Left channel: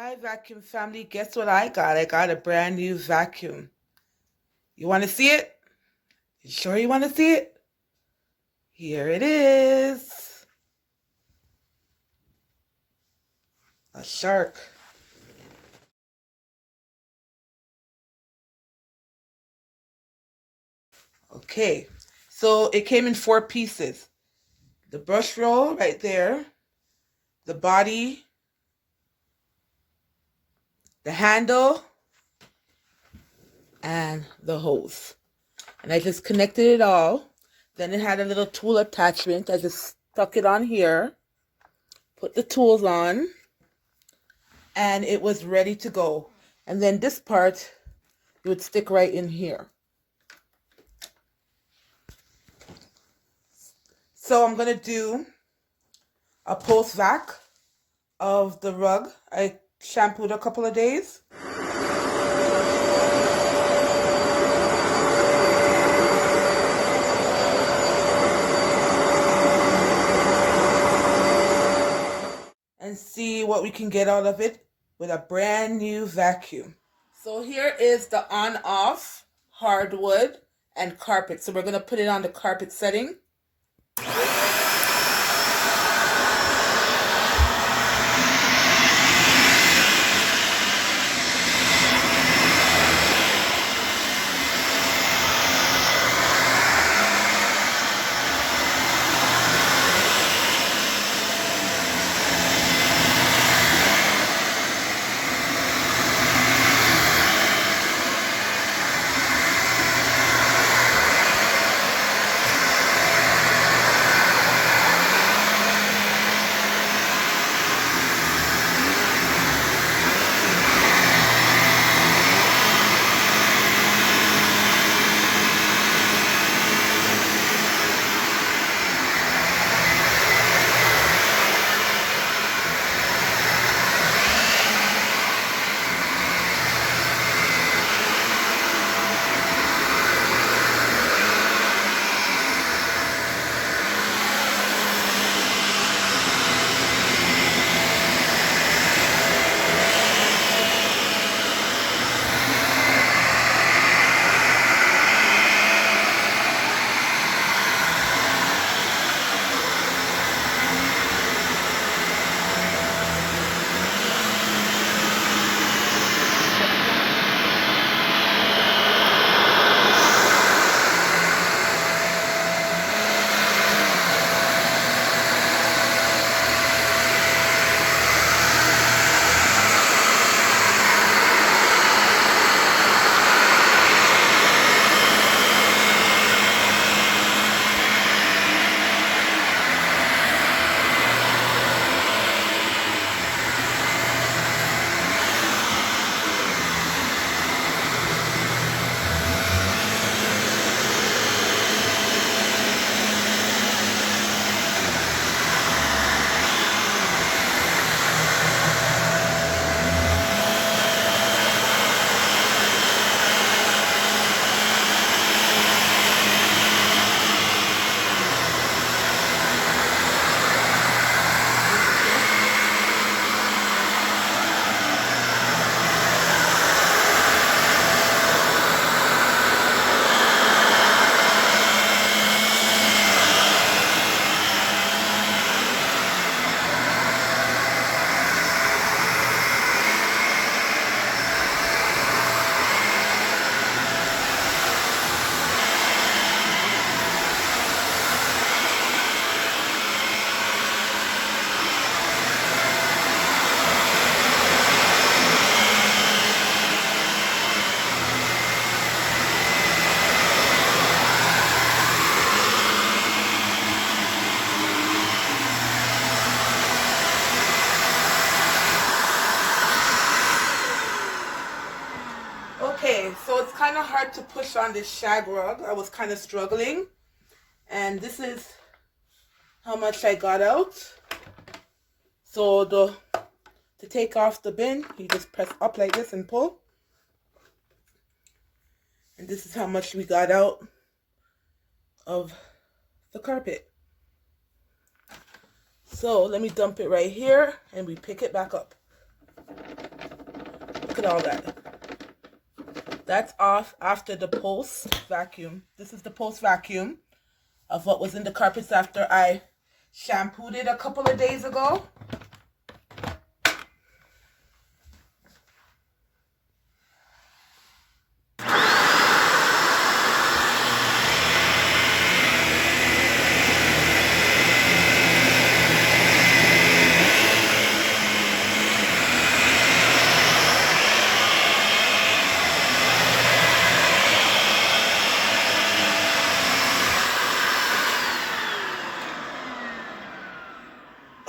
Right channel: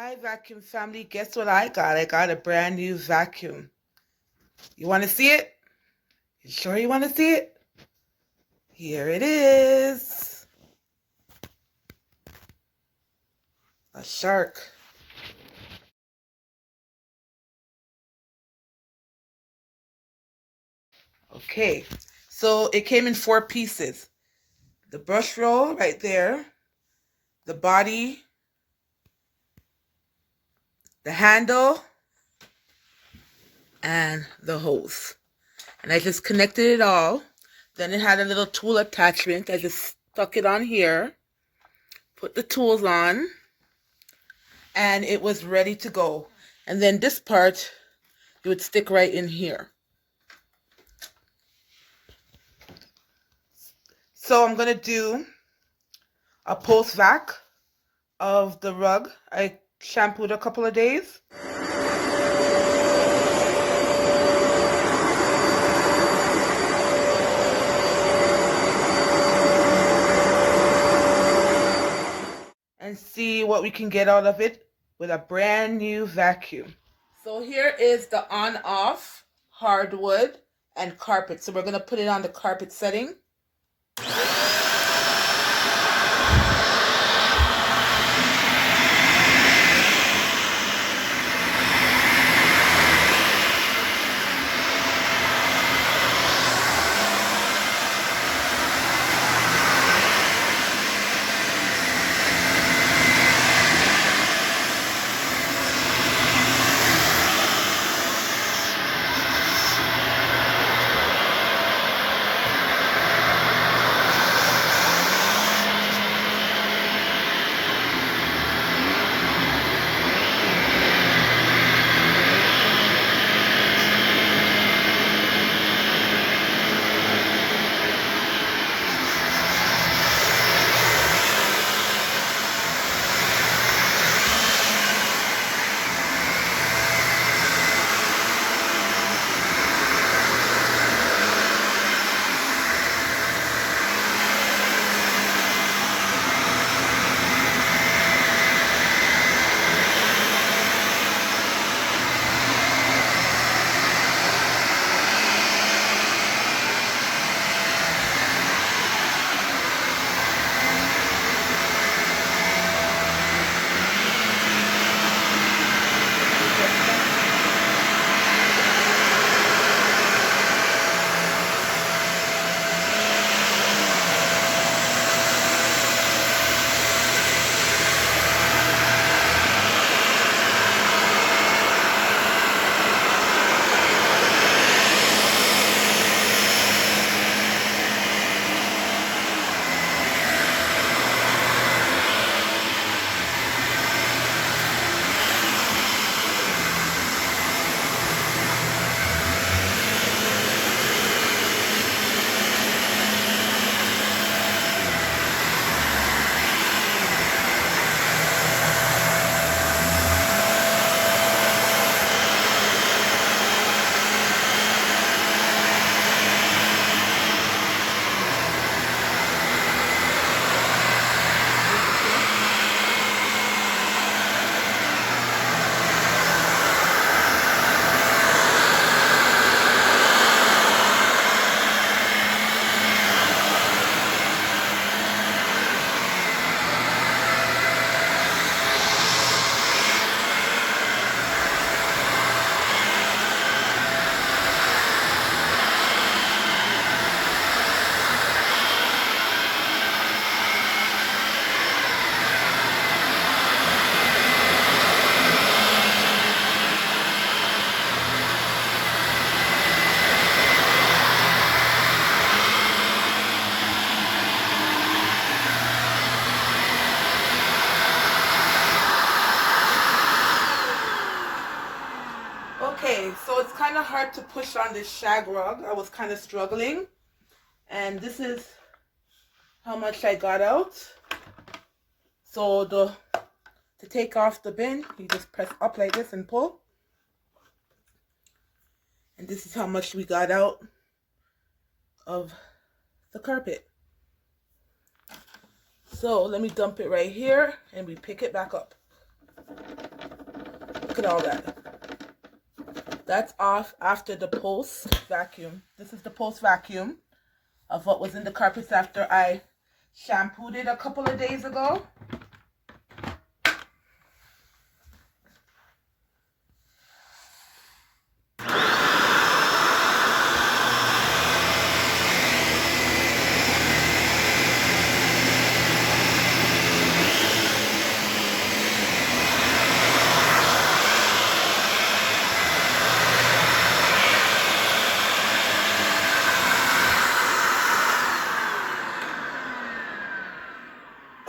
Hi, vacuum family. Guess what I got? I got a brand new vacuum. You want to see it? You sure you want to see it? Here it is. A shark. Okay, so it came in 4 pieces. The brush roll right there, the body, the handle, and the hose. And I just connected it all. Then it had a little tool attachment. I just stuck it on here, put the tools on, and it was ready to go. And then this part, it would stick right in here. So I'm going to do a post vac of the rug. I shampooed a couple of days. And see what we can get out of it with a brand new vacuum. So here is the on-off hardwood and carpet. So we're going to put it on the carpet setting. Okay, so it's kind of hard to push on this shag rug. I was kind of struggling. And this is how much I got out. So to take off the bin, you just press up like this and pull. And this is how much we got out of the carpet. So let me dump it right here and we pick it back up. Look at all that. That's off after the post vacuum. This is the post vacuum of what was in the carpets after I shampooed it a couple of days ago.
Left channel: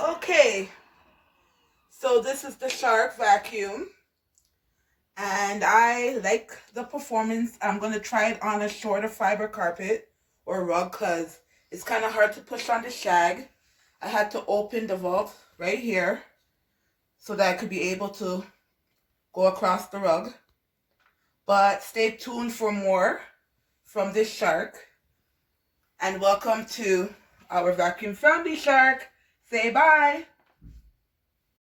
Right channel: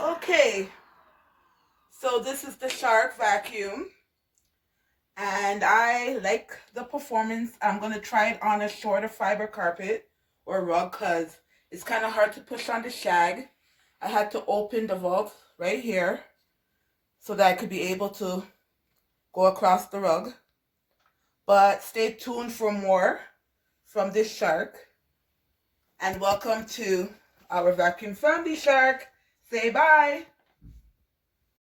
Okay, so this is the Shark vacuum, and I like the performance. I'm going to try it on a shorter fiber carpet or rug because it's kind of hard to push on the shag. I had to open the vault right here so that I could be able to go across the rug. But stay tuned for more from this Shark. And welcome to our vacuum from the Shark. Say bye.